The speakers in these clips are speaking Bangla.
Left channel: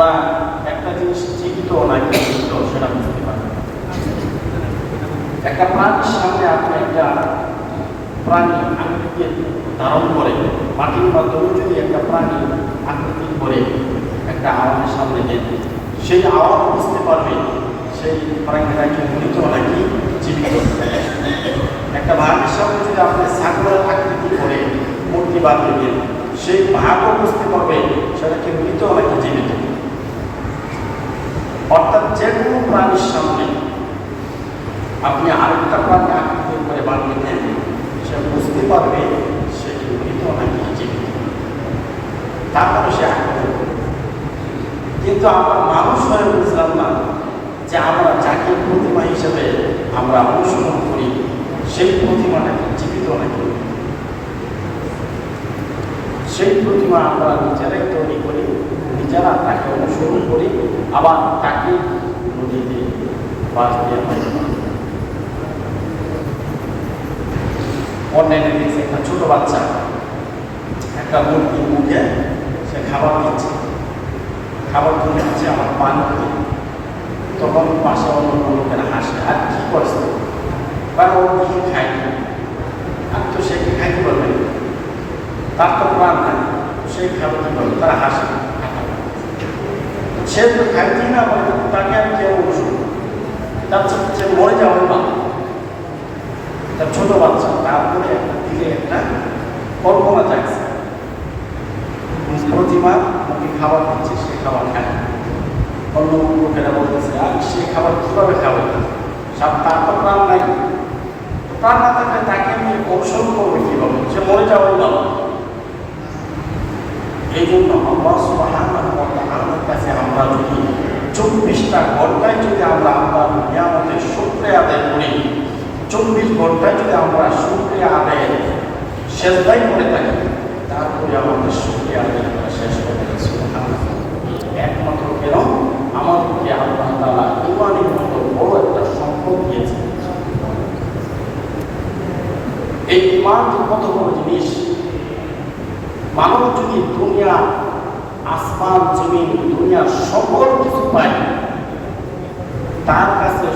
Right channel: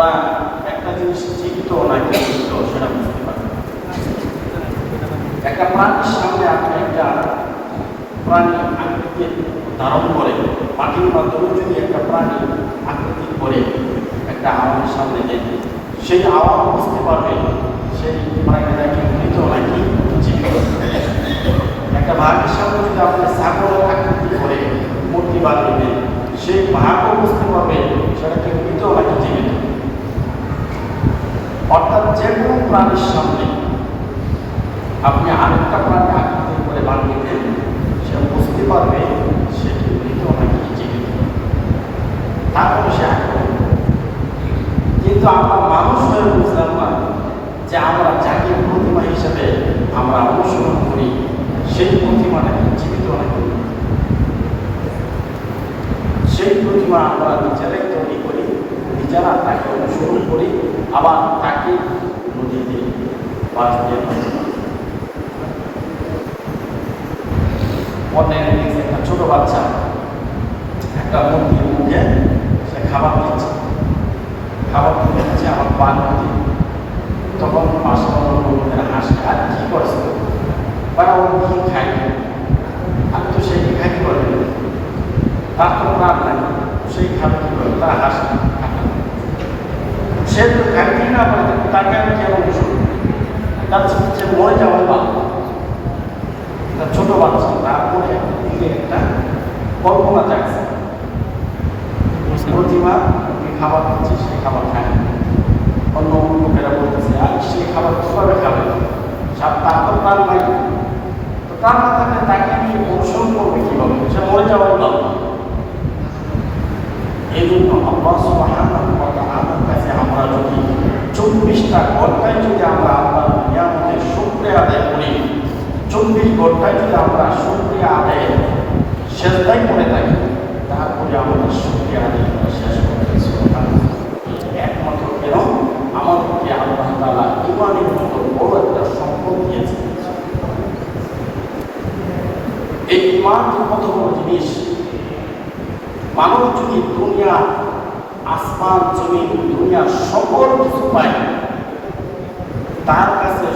ওরা একটা জিনিস জীবিত নাকি মৃত সেটা বুঝতে পারে। একটা প্রাণীর সামনে আপনি একটা প্রাণী আকৃতি ধারণ করে মাটির মাধ্যমে যদি একটা প্রাণী আকৃতি করে একটা আওয়ামের সামনে দেয়, সেই আওয়াম বুঝতে পারবে সেই প্রাণীটা কি মৃত নাকি জীবিত। একটা ভাগের সামনে যদি আপনি ছাগলের আকৃতি করে মূর্তি বানিয়ে দেন, সেই ভাগও বুঝতে পারবে সেটা কি মৃত নাকি জীবিত। অর্থাৎ যে কোনো প্রাণীর সামনে আপনি আরেকটা প্রাণী আকৃতি করে বানিয়ে দেন, সে বুঝতে পারবে সে মৃত নাকি জীবিত, তারপরে সে আঁকবে। কিন্তু আমরা মানুষ হয়ে বুঝলাম না যে আমরা যাকে প্রতিমা হিসেবে আমরা অনুসরণ করি সেই প্রতিমাটা জীবিত নাকি। সেই প্রতিমা আমরা নিজেরাই তৈরি করি, নিজেরা তাকে অনুসরণ করি, আবার তাকে নদীতে অন্যান্য একটা ছোট বাচ্চা একটা মুরগির মুখে সে খাবার দিচ্ছে, খাবার তুলে দিচ্ছে আমার পানি দিয়ে, তখন পাশে অন্য লোকেরা হাসে, আর কি করছে তারা ওর কি খায়নি, আর তো সে কি খাইতে পারবে, তার তো প্রাণ নাই, সেই খাবে কি করে, তারা হাসে। সে তো খাইতেই না পারে, তাকে আমি কেউ অনুসরণ তার সে মরে যাওয়ার ভালো, তার ছোট বাচ্চা, তারপরে দিকে একটা কল্পনা জাগছে, প্রতিমা ওকে খাবার দিচ্ছে, সে খাবার খায়, অন্য লোকেরা বলতেছে আর সে খাবার কিভাবে খাবে, তার তো প্রাণ নাই, প্রাণ না থাকলে তাকে আমি অনুসরণ করবে কিভাবে, সে মরে যাওয়ার ভালো। এই জন্য আল্লাহ সুবহানাহু ওয়া তাআলার কাছে আমরা যদি 24টা ঘন্টায় যদি আমরা আল্লাহর নিয়ামতের শুকরিয়া আদায় করি, 24 ঘন্টায় যদি আমরা শুকরিয়া আদায়ের সেজদায় করে থাকি, তারপরে আমাদের শুকরিয়া আদায় করা শেষ করে দিয়েছে। একমাত্র কেন আমাদেরকে আল্লাহ তাআলা ইমানের মতো বড় একটা সম্পদ দিয়েছে। এই ইমান কত বড় জিনিস। মানব যদি দুনিয়া আসমান জমিন দুনিয়ার সকল কিছু পায়, তার কাছে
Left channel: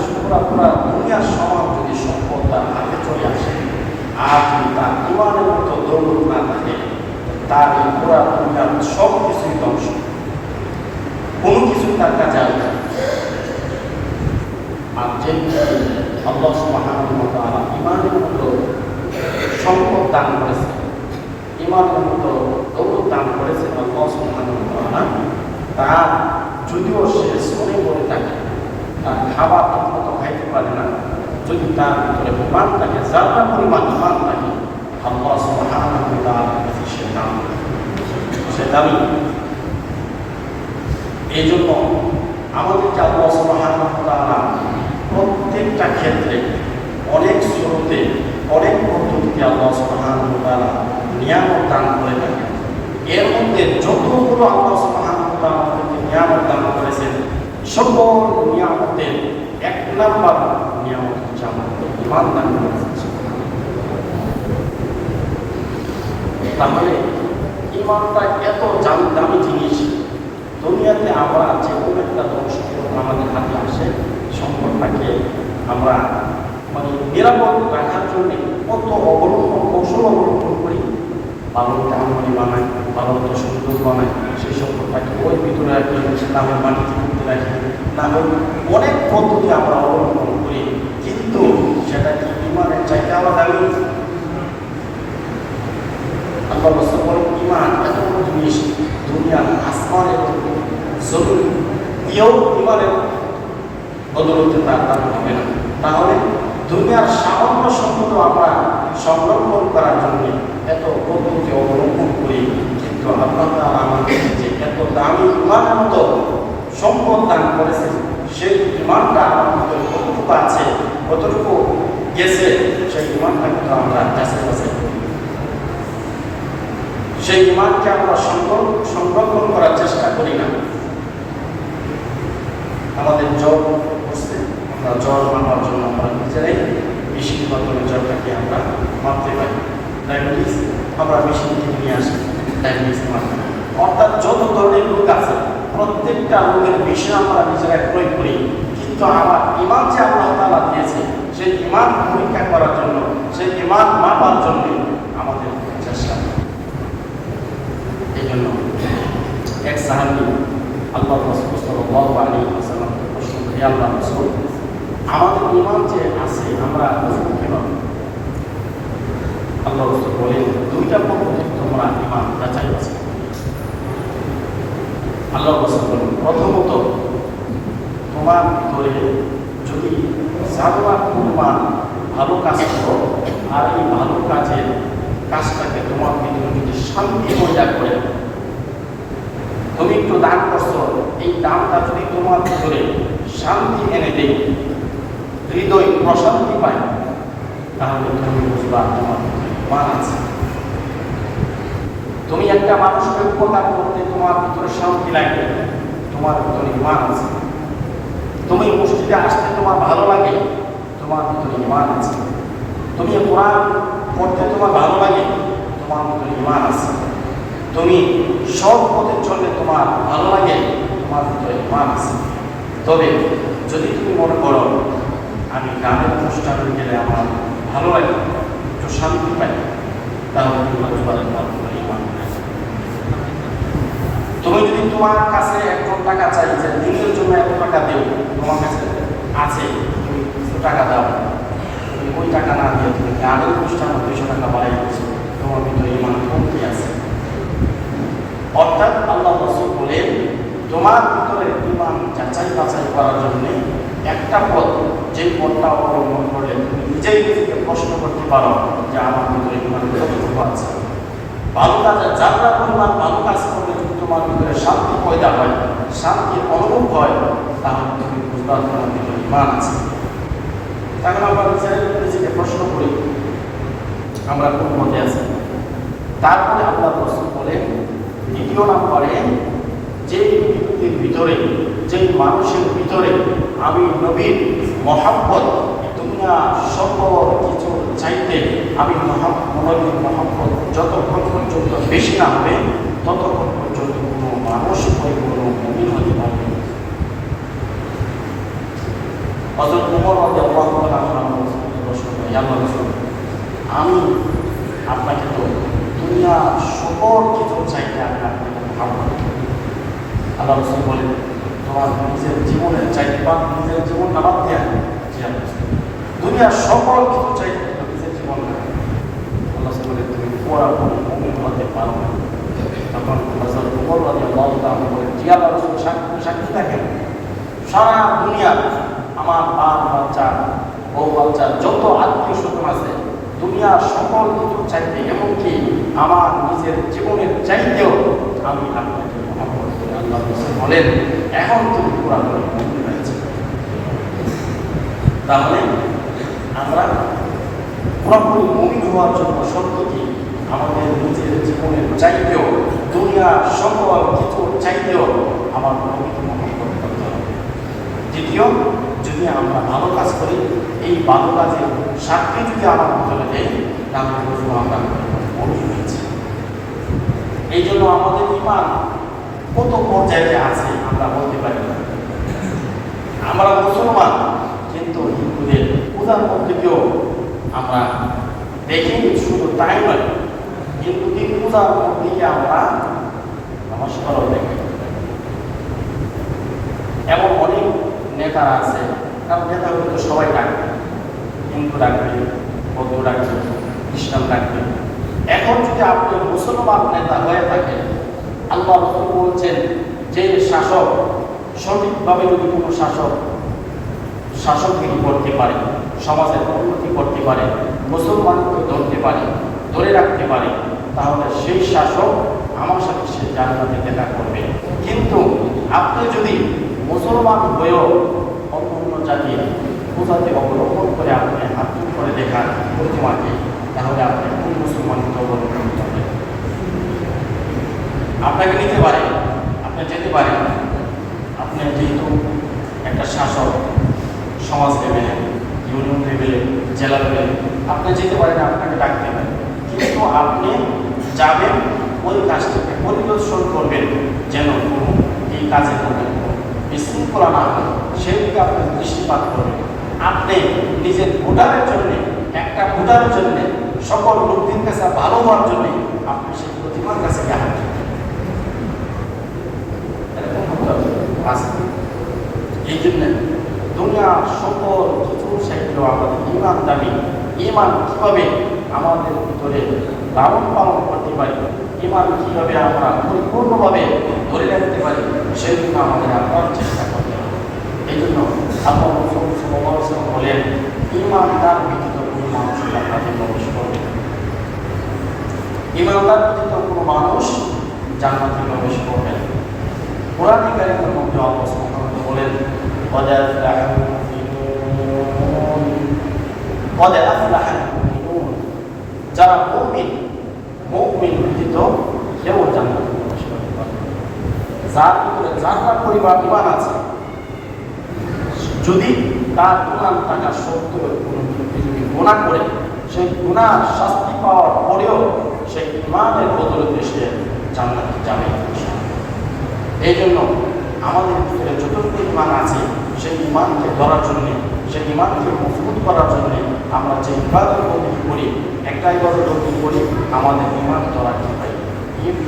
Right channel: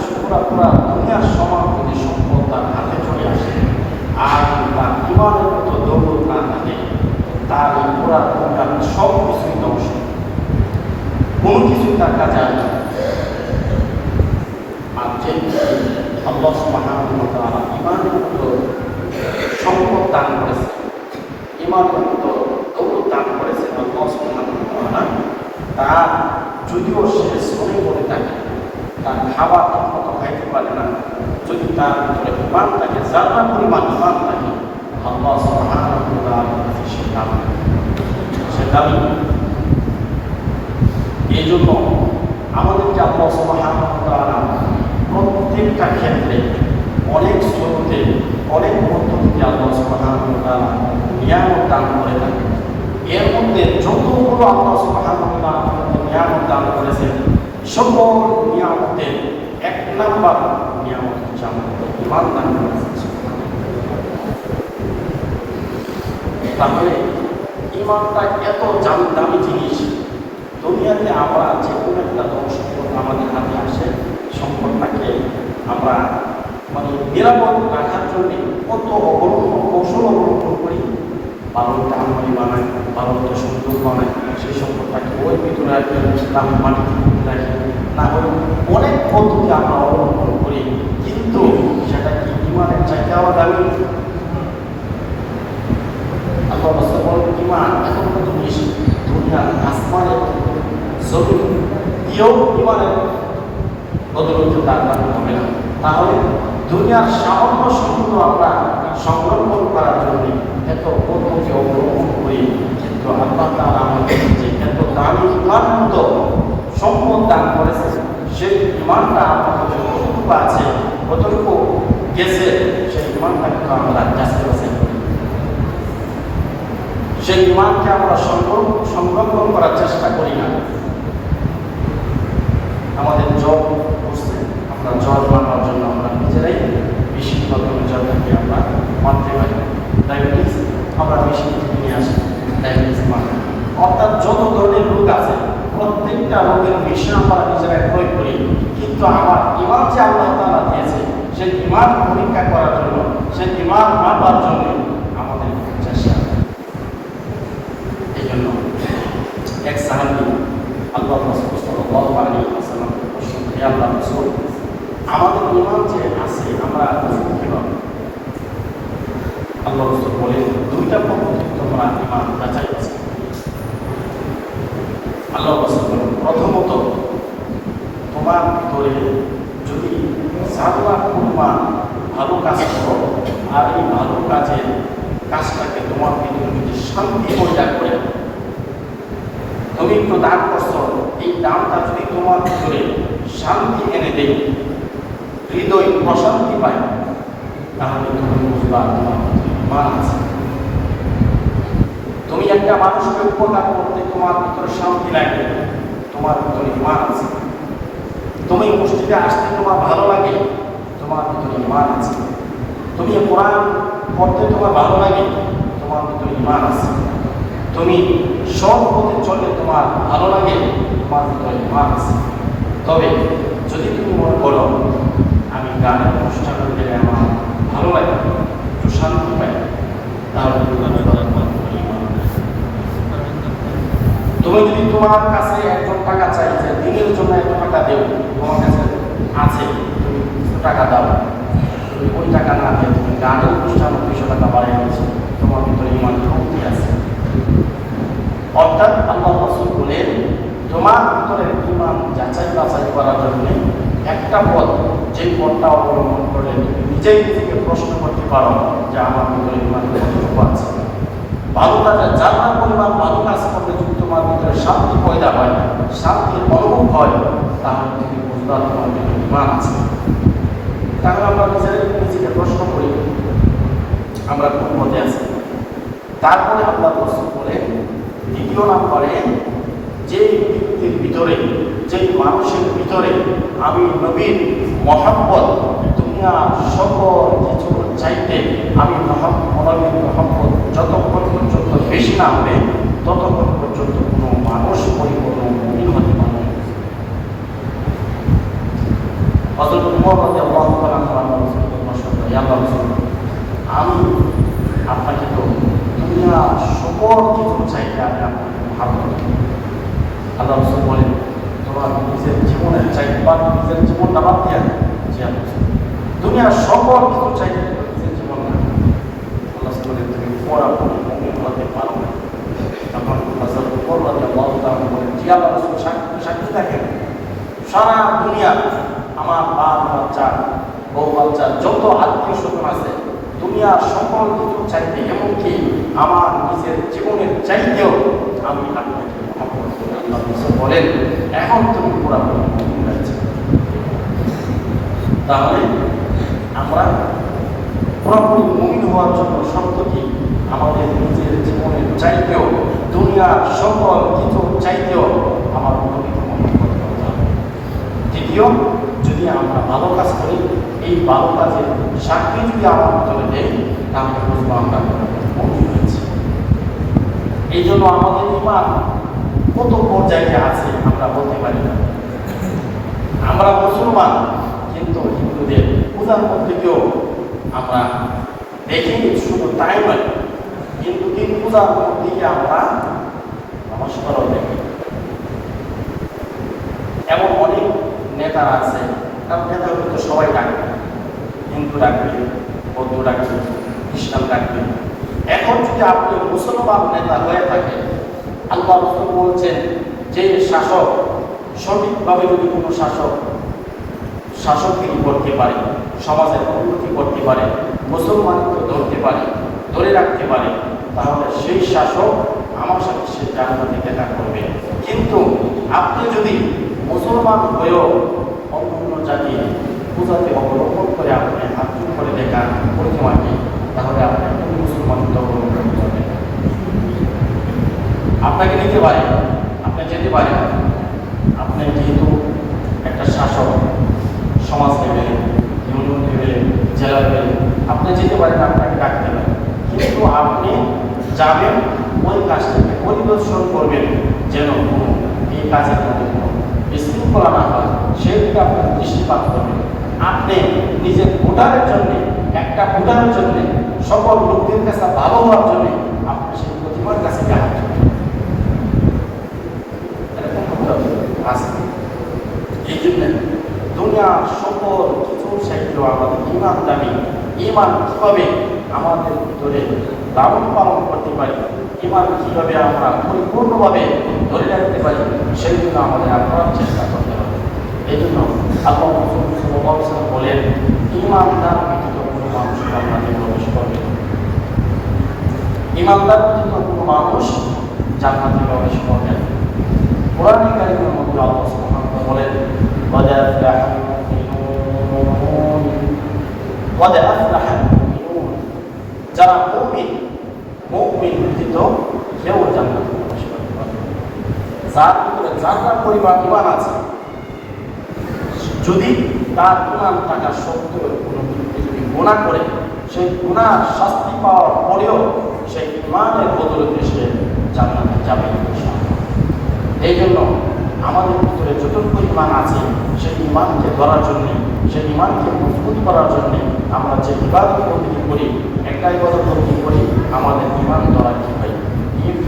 পুরা দুনিয়ার সমান যদি সম্পদ তার হাতে চলে আসে, আর তার ইমানের মতো দৌড় না থাকে, তার পুরা দুনিয়ার সব কিছুই ধ্বংস, কোনো কিছুই তার কাছে আসবে। আর যে আল্লাহ সুবহানাহু ওয়া তাআলা ইমানের মতো সম্পদ দান করেছে, ইমানের মতো দৌড় দান করেছেন আল্লাহ সুবহানাহু ওয়া তাআলা, তার যদিও সে শ্রমে মরে থাকে, তার খাবার ঠিকমতো খাইতে পারে না, যদি তার ভিতরে ইমান থাকে, যারা পরিমাণ ইমান থাকে, আল্লাহ সুবহানাহু ওয়া তাআলার কাছে সে দামি। এই জন্য আমাদেরকে আল্লাহ সুবহানাহু ওয়া তাআলা প্রত্যেকটা ক্ষেত্রে অনেক স্রোতে অনেক পদ্ধতিতে আল্লাহ সুবহানাহু ওয়া তাআলা নিয়ামত দান করে থাকেন। এর মধ্যে যতগুলো আল্লাহ সুবহানাহু ওয়া তাআলা নিয়ামত দান করেছেন, সকল নিয়ামতের এক নাম্বার নিয়ামত হচ্ছে আমাদের ইমান দান করেছেন। তাহলে ইমানটা এত দামি জিনিস, দুনিয়াতে আমরা যে কোনো একটা ধ্বংস আমাদের হাতে আসে, সম্পদটাকে আমরা মানে নিরাপদ রাখার জন্য কত কৌশল অবলম্বন করি, ভালো কামড়ি বানাই, ভালো সুন্দর বানাই, সেই সম্পদটাকে ওই ভিতরে একটা ইসলামের মাটিতে তুলতে রাখি, না হলে অনেক পদ্ধতি আমরা অবলম্বন করি, কিন্তু সেটা কি ইমানের চাইতে আবার দামি? আল্লাহ রাসূল বলেন ইমান এত বড় জিনিস, দুনিয়ার আসমান এবং জমিন দিয়েও ইমানের বদলতে তার দাম হবে না। তাহলে দুনিয়ার সামান্য সম্পদ আমরা সংরক্ষণ করার জন্য এত পদ্ধতি অবলম্বন করি, কিন্তু আল্লাহ তাআলা আমাদের যে এত দামি ইমানের মতো সম্পদ দান করেছেন, সেই ইমানটা আমাদের কতটুকু আছে, কতটুকু গেছে, সেই ইমানটা কিন্তু আমরা কাছে কাছে সেই ইমানকে আমরা সংরক্ষণ করার চেষ্টা করি না। আমাদের জ্বর করছে, আমরা জ্বর মানার জন্য আমরা নিজেরাই মেশিন মাধ্যমে জ্বরটাকে আমরা মারতে পারি। ডায়াবেটিস আমরা মেশিন থেকে নিয়ে আসি, ডায়াবেটিস মারতে। অর্থাৎ যত ধরনের রোগ আছে প্রত্যেক প্রত্যেকটা রোগের বিষয় আমরা নিজেরা প্রয়োগ করি, কিন্তু আমার ইমান যে আল্লাহ তাআলা দিয়েছে সেই ইমান পরীক্ষা করার জন্য, সেই ইমান মাপার জন্য আমাদের চেষ্টা করা। এই জন্য এক সাহাবী আল্লাহ রাসূল সাল্লাল্লাহু আলাইহি ওয়াসাল্লামকে প্রশ্ন করে, আল্লাহ রাসূল, আমাদের ইমান যে আছে আমরা বুঝবো কিভাবে? আল্লাহ রাসূল বলেন, দুইটা পদ্ধতি তোমরা ইমান যাচাই করো। আল্লাহ রাসূল বলেন, প্রথমত তোমার ভিতরে যদি সাধনা পরিমাণ ভালো কাজ করো, আর এই ভালো কাজটাকে তোমার ভিতরে যদি শান্তি পয়দা করে, তুমি একটু দান করছো, এই দানটা যদি তোমার ভিতরে শান্তি এনে দেয়, হৃদয় প্রশান্তি পায়, তাহলে তুমি বুঝবা তোমার ইমান আছে। তুমি একটা মানুষকে উপকার করতে তোমার ভিতরে শান্তি লাগে, তোমার ভিতরে ইমান আছে। তুমি মসজিদে আসতে তোমার ভালো লাগে, তোমার ভিতরে ইমান আছে। তুমি কোরআন পড়তে তোমার ভালো লাগে, তোমার ভিতরে ইমান আছে। তুমি সব পথে চলতে তোমার ভালো লাগে, তোমার ভিতরে ইমান আছে। তবে যদি তুমি মনে করো আমি গানের অনুষ্ঠানে গেলে আমার ভালো লাগে, একটু শান্তি পাই, তাহলে তোমার ভিতরে ইমান নেই। তুমি যদি তোমার কাছে একজন টাকা চাই যে দিনের জন্য এত টাকা দেও, তোমার কাছে আছে, তুমি টাকা দাও, তুমি ওই টাকা না দিয়ে তুমি গানের অনুষ্ঠানে 200 টাকা বাড়িয়ে দিচ্ছ, তোমার ভিতরে ইমান কি আছে? অর্থাৎ আল্লাহ রাসূল বলেন, তোমার ভিতরে ইমান যাচাই বাছাই করার জন্য একটা পথ, যে পথটা অবলম্বন করলে তুমি নিজেই নিজেকে প্রশ্ন করতে পারো যে আমার ভিতরে ইমান কতটুকু আছে। ভালো কাজে যারা পরিমাণ ভালো কাজ করলে যদি তোমার ভিতরে শান্তি পয়দা হয়, শান্তির অনুভব হয়, তাহলে তুমি বুঝবা তোমার ভিতরে ইমান আছে। তাহলে আমরা নিজেকে প্রশ্ন করি আমরা কোন পথে আছি। তারপরে আল্লাহ রাসূল বলেন, দ্বিতীয় নম্বরে যে ব্যক্তির ভিতরে, যে মানুষের ভিতরে আমি নবীর মহব্বত, দুনিয়া সকল কিছু চাইতে আমি নবীর মহব্বত যতক্ষণ পর্যন্ত বেশি না হবে, ততক্ষণ পর্যন্ত কোনো মানুষ পরিপূর্ণ মুমিন হতে পারবে না। হযরত ওমর রাদিয়াল্লাহু তাআলা আনহু প্রশ্ন করেন, আল্লাহ রাসূল, আমি আপনাকে তো দুনিয়া সকল কিছু চাইতে আমি আপনাকে মহব্বত করি। আল্লাহ রাসূল বলেন, তোমার নিজের জীবনের চাইতে বা নিজের জীবন না বাদ দিয়ে দুনিয়ার সকল কিছু চাইতে নিজের জীবন না। আল্লাহ রাসূল বলেন, তুমি পুরোপুরি মুমিন হতে পারো না। তখন হযরত ওমর রাদিয়াল্লাহু তাআলা বলেন, জি আল্লাহ রাসূল, সাক্ষী দেখেন, সারা দুনিয়া আমার বাচ্চা, বউ বাচ্চা, যত আত্মীয় স্বজন আছে, দুনিয়ার সকল কিছু চাইতে, এমনকি আমার নিজের জীবনের চাইতেও আমি আপনাকে বলেন, এখন তুমি পুরাপুরি মুমিন হয়েছে। তাহলে আমরা পুরাপুরি মুমিন হওয়ার জন্য শর্ত কি? আমাদের নিজের জীবনের চাইতেও, দুনিয়ার সকল কিছু চাইতেও আমার নবীকে মহব্বত করতে হবে। দ্বিতীয়, যদি আমরা ভালো কাজ করি, এই ভালো কাজের সাক্ষী যদি আমার ভিতরে দেয়, তাহলে বুঝবো আমরা মুমিন হয়েছি। এই জন্য আমাদের ইমান কত পর্যায়ে আছে আমরা বলতে পারি না। আমরা মুসলমান, কিন্তু হিন্দুদের পূজার মধ্যেও আমরা দেখিনি, শুধু তাই নয়, হিন্দুদের পূজার মধ্যে আমরা নমস্কারও দেখি। এমন অনেক নেতা আছে, নেতাগুলো তো সবাই ডাকবে, হিন্দু ডাকবে, বৌদ্ধ ডাকবে, খ্রিস্টান ডাকবে। এখন যদি আপনি মুসলমান নেতা হয়ে থাকেন, আল্লাহ রাসূল বলছেন, যে শাসক সঠিকভাবে যদি কোনো শাসকগিরি করতে পারে, সমাজের উন্নতি করতে পারে, মুসলমানকে ধরতে পারে, ধরে রাখতে পারে, তাহলে সেই শাসক আমার সাথে সে জান্নাতে দেখা করবে। কিন্তু আপনি যদি মুসলমান হয়েও অন্য জাতি পূজাতে অবলম্বন করে আপনি হাত করে দেখা প্রতিমাকে, তাহলে আপনি কোন মুসলমান অবলম্বন করতে হবে? আপনাকে নিতে পারে, আপনি যেতে পারেন, আপনি যেহেতু একটা শাসক, সমাজ লেভেলে, ইউনিয়ন লেভেলে, জেলা লেভেলে আপনি যেতে পারেন, আপনাকে ডাকতে পারেন, কিন্তু আপনি যাবেন ওই কাজটাকে পরিদর্শন করবেন যেন কোনো এই কাজের মধ্যে কোনো বিশৃঙ্খলা না হয় সেদিকে আপনার দৃষ্টিপাত করবেন। আপনি নিজের ভোটারের জন্য, একটা ভোটারের জন্য, সকল লোকদের কাছে ভালো হওয়ার জন্য আপনি সেই প্রতিমার কাছে হাত ধরবেন। এই জন্য দুনিয়ার সকল কিছু সাহিত্য আমাদের ইমান দাবি, ইমান কিভাবে আমাদের ভিতরে লালন পালন করতে পারি, ইমান কিভাবে আমরা পরিপূর্ণভাবে ধরে রাখতে পারি, সেই জন্য আমাদের আপ্রাণ চেষ্টা করতে হবে। এই জন্য আল্লাহ রাসূল সাল্লাল্লাহু আলাইহি ওয়াসাল্লাম বলেন, ইমানদার ব্যতীত কোনো মানুষ জান্নাতে প্রবেশ করবে না। ইমানদার ব্যতীত কোনো মানুষ জান্নাতে প্রবেশ করবে না। কোরআনে কারীমের মধ্যে আল্লাহ সুবহানাহু ওয়া তাআলা বলেন, قد أفلح المؤمنون قد أفلح المؤمنون যারা মুমিন ব্যতীত কেউ জান্নাতে প্রবেশ করবে না। যার ভিতরে জান্নাত পরিবার ইমান আছে, যদি তার ইমান থাকা সত্ত্বেও যদি গুনাহ করে, সেই গুনাহ শাস্তি পাওয়ার পরেও সেই ইমানের বদৌলতে সে জান্নাতে যাবে। এই জন্য আমাদের ভিতরে যতটুকু ইমান আছে সেই ইমানকে ধরার জন্যে, সেই ইমানকে মজবুত করার জন্যে আমরা যে ইবাদত বন্দেগী করি, একটা ইবাদত বন্দেগী করি, আমাদের ইমান ধরা কি হয়?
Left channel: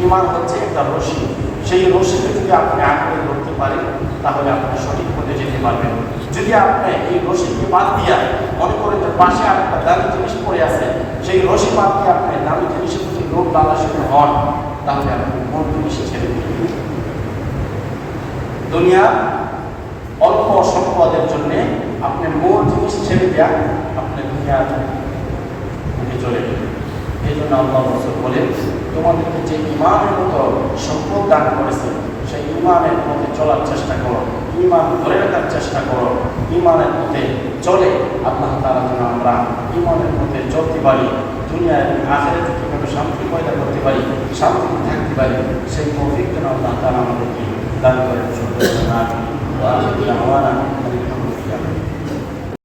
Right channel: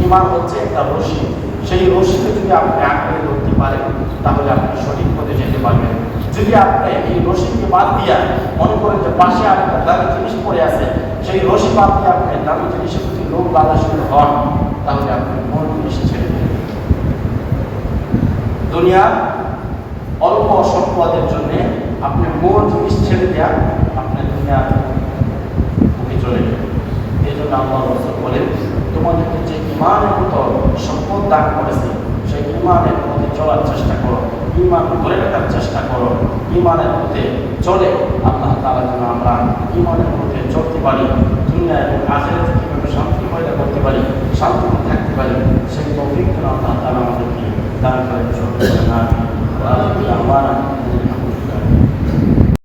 ইমান হচ্ছে একটা রশি, সেই রশিকে যদি আপনি আঁকড়ে ধরতে পারেন তাহলে আপনি সঠিক পথে যেতে পারবেন। যদি আপনি এই রশিকে বাদ দিয়া মনে করেন যে পাশে আর একটা দামি জিনিস পড়ে আছে, সেই রশি বাদ দিয়ে আপনি দামি জিনিসের প্রতি লোভ লালসার হন, তাহলে আপনি মূল জিনিস ছেড়ে দেবেন। দুনিয়ার অল্প সম্পদের জন্য আপনি মূল জিনিস ছেড়ে দেয়া আপনি দুনিয়ার মুখে চলে যাবেন। এই জন্য আল্লাহ রাসূল বলেন, তোমাদেরকে যে ইমানের মতো সম্পদ দান করেছে সেই ইমানের মধ্যে চলার চেষ্টা করো, ইমান ধরে রাখার চেষ্টা করো, ইমানের মধ্যে চলে আল্লাহ তাআলা যেন আমরা ইমানের মধ্যে চলতে পারি, দুনিয়া এবং আখিরাতে কিভাবে শান্তি পয়দা করতে পারি, শান্তিতে থাকতে পারি, সেই তৌফিক যেন আল্লাহ তাআলা আমাদেরকে দান করেন। সকলকে আমিন।